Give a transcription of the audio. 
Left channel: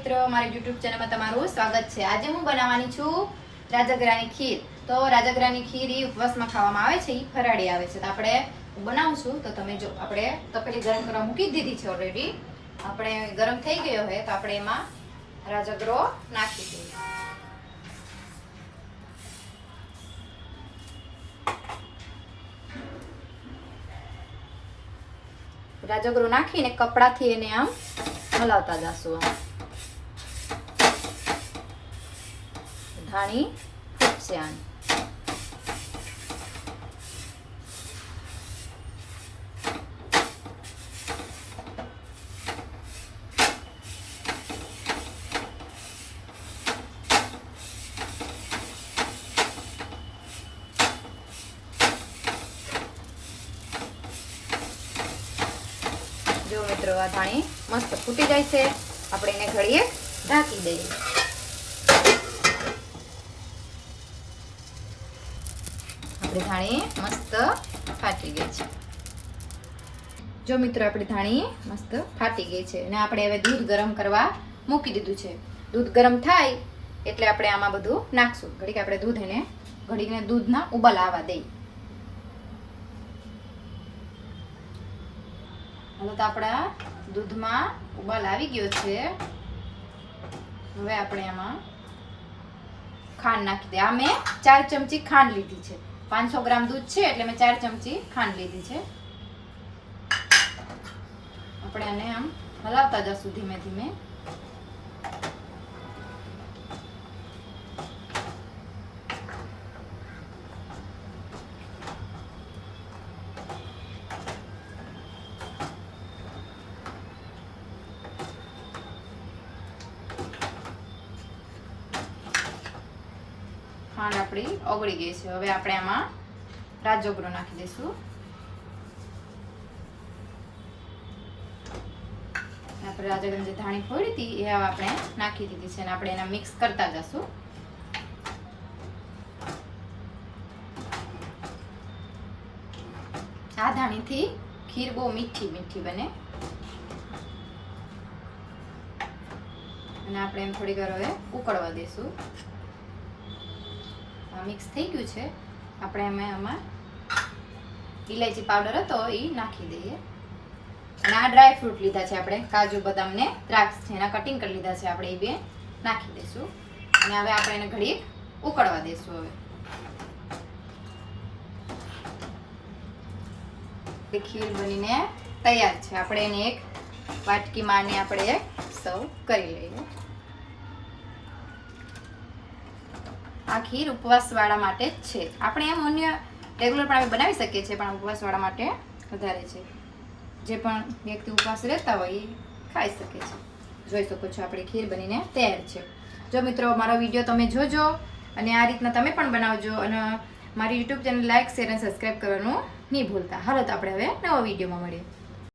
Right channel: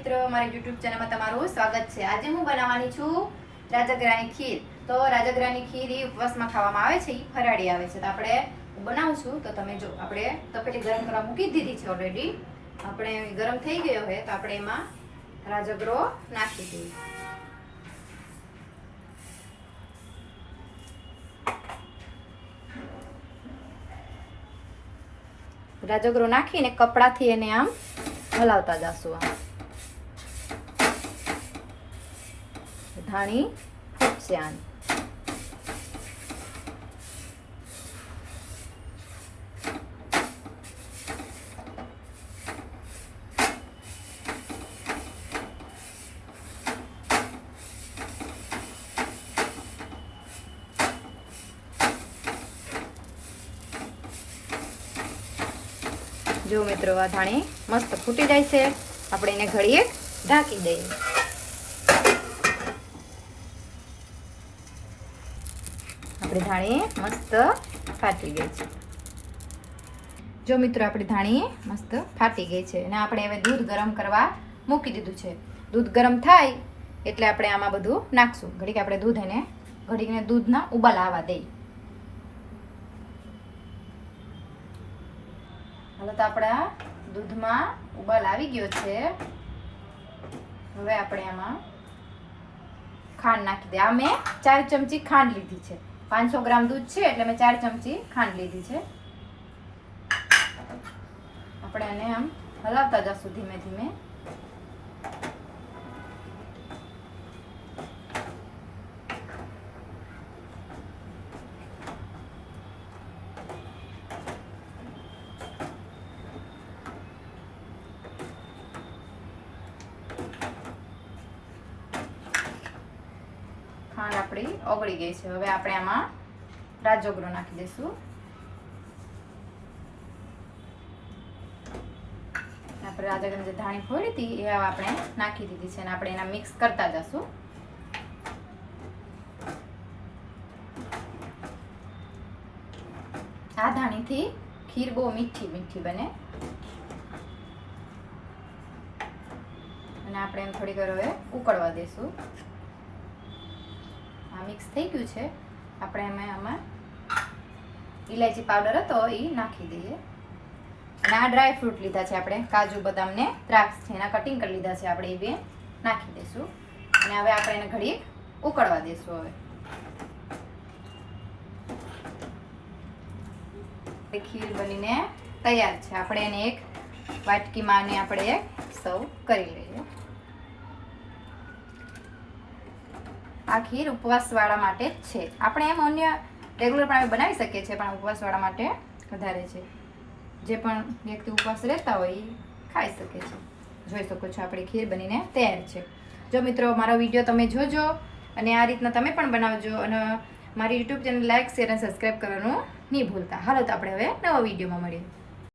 મિત્રો, મારી યુટ્યુબ ચેનલમાં તમારું સ્વાગત છે. આજે હું બનાવવાની છું રાજગરાની ખીર. તો રાજગરાની ખીર એ ઉપવાસમાં ખાવામાં આવે છે એ ફરાળી આવે છે. તો આપણે હું બનાવું તો તમે જો, આપણે તપેલી ગરમ કરવા મૂકી દીધી છે ઓલરેડી આપણે ગરમ થઈ ગયો હોય તો આપણે એમાં રાજગરો નાખી દઈએ. રાજગરો નાખીને કપડાથી એને આમ હલાવતા જાશું ધાણી ફૂટશે જો મિત્રો, આ ધાણી મસ્ત ફૂટી જાય છે. આપણે એને ઘડીએ ઢાંકી દઈએ. ધાણી મસ્ત ફાટી ગઈ છે. જો મિત્રો આપણી ધાણી મસ્ત ફાટી ગઈ છે અને આપણે હવે દૂધ ગરમ કરવા મૂકી દીધું છે. દૂધ ગરમ થાય એટલે આપણે આમાં બધું નાખશું. ઘડીક આપણે દૂધ એને ઘડીકને દૂધના ઉબાલ આવવા દઈ. હવે તો આપણા દૂધમાં ઉબાલ આવી ગયો છે. હવે આપણે આમાં ખાંડ નાખી દે આ મેં ચાર ચમચી ખાંડ લીધી છે. પાંચસો ગ્રામ દૂધ છે, એટલે મેં ચાર ચમચી ખાંડ લીધી છે. આપણે આને આમ હલાવતા જશું ધીમે ધીમે ખાંડ આપણી ઓગળી ગઈ છે. હવે આપણે આમાં રાજોગરો નાખી દઈશું. આપણે રાજગરાની જે ધાણી ફોડી હતી, એ આપણે નાખી દીધી છે અને આપણે એના મિક્સ કરતા જશું. આ ધાણીથી ખીર બહુ મીઠી મીઠી બને. અને આપણે એમ થોડી વાર હવે ઉકળવા દઈશું. મિક્સ થઈ ગયું છે. આપણે અમે આમાં ઇલાયચી પાવડર હતો એ નાખી દઈએ. અને આ ડ્રાય ફ્રૂટ લીધા છે આપણે. કાજુ, બદામ ને દ્રાક્ષ છે. એના કટિંગ કરી લીધા છે આપણે એ બે. નાખી દઈશું. અને હવે આપણે એને ઘડી ઉકળવા દઈશું હવે. ખીર બનીને તૈયાર છે. આપણે એને એક વાટકીમાં માની આપણે એક સર્વ કરી લઈએ. આ ખીર ઉપવાસવાળા માટે જ છે. આપણે એમ અન્ય રેગ્યુલર પણ આપણે બનાવી શકીએ છીએ, પણ ઉપવાસવાળા માટે વધારે છે. જે પણ વ્યક્તિ ઉપવાસ રહેતા હોય એ ખાઈ શકે છે. જોઈ શકો છો આપણી ખીર બનીને તૈયાર છે. જો મિત્રો, મારો વીડિયો તમે જોજો અને આ રીતના તમે પણ બનાવજો અને મારી યુટ્યુબ ચેનલ લાઇક શેર અને સબસ્ક્રાઈબ કરવાનું નહીં ભૂલતા. હાલો તો આપણે હવે નવા વિડીયોમાં મળીએ.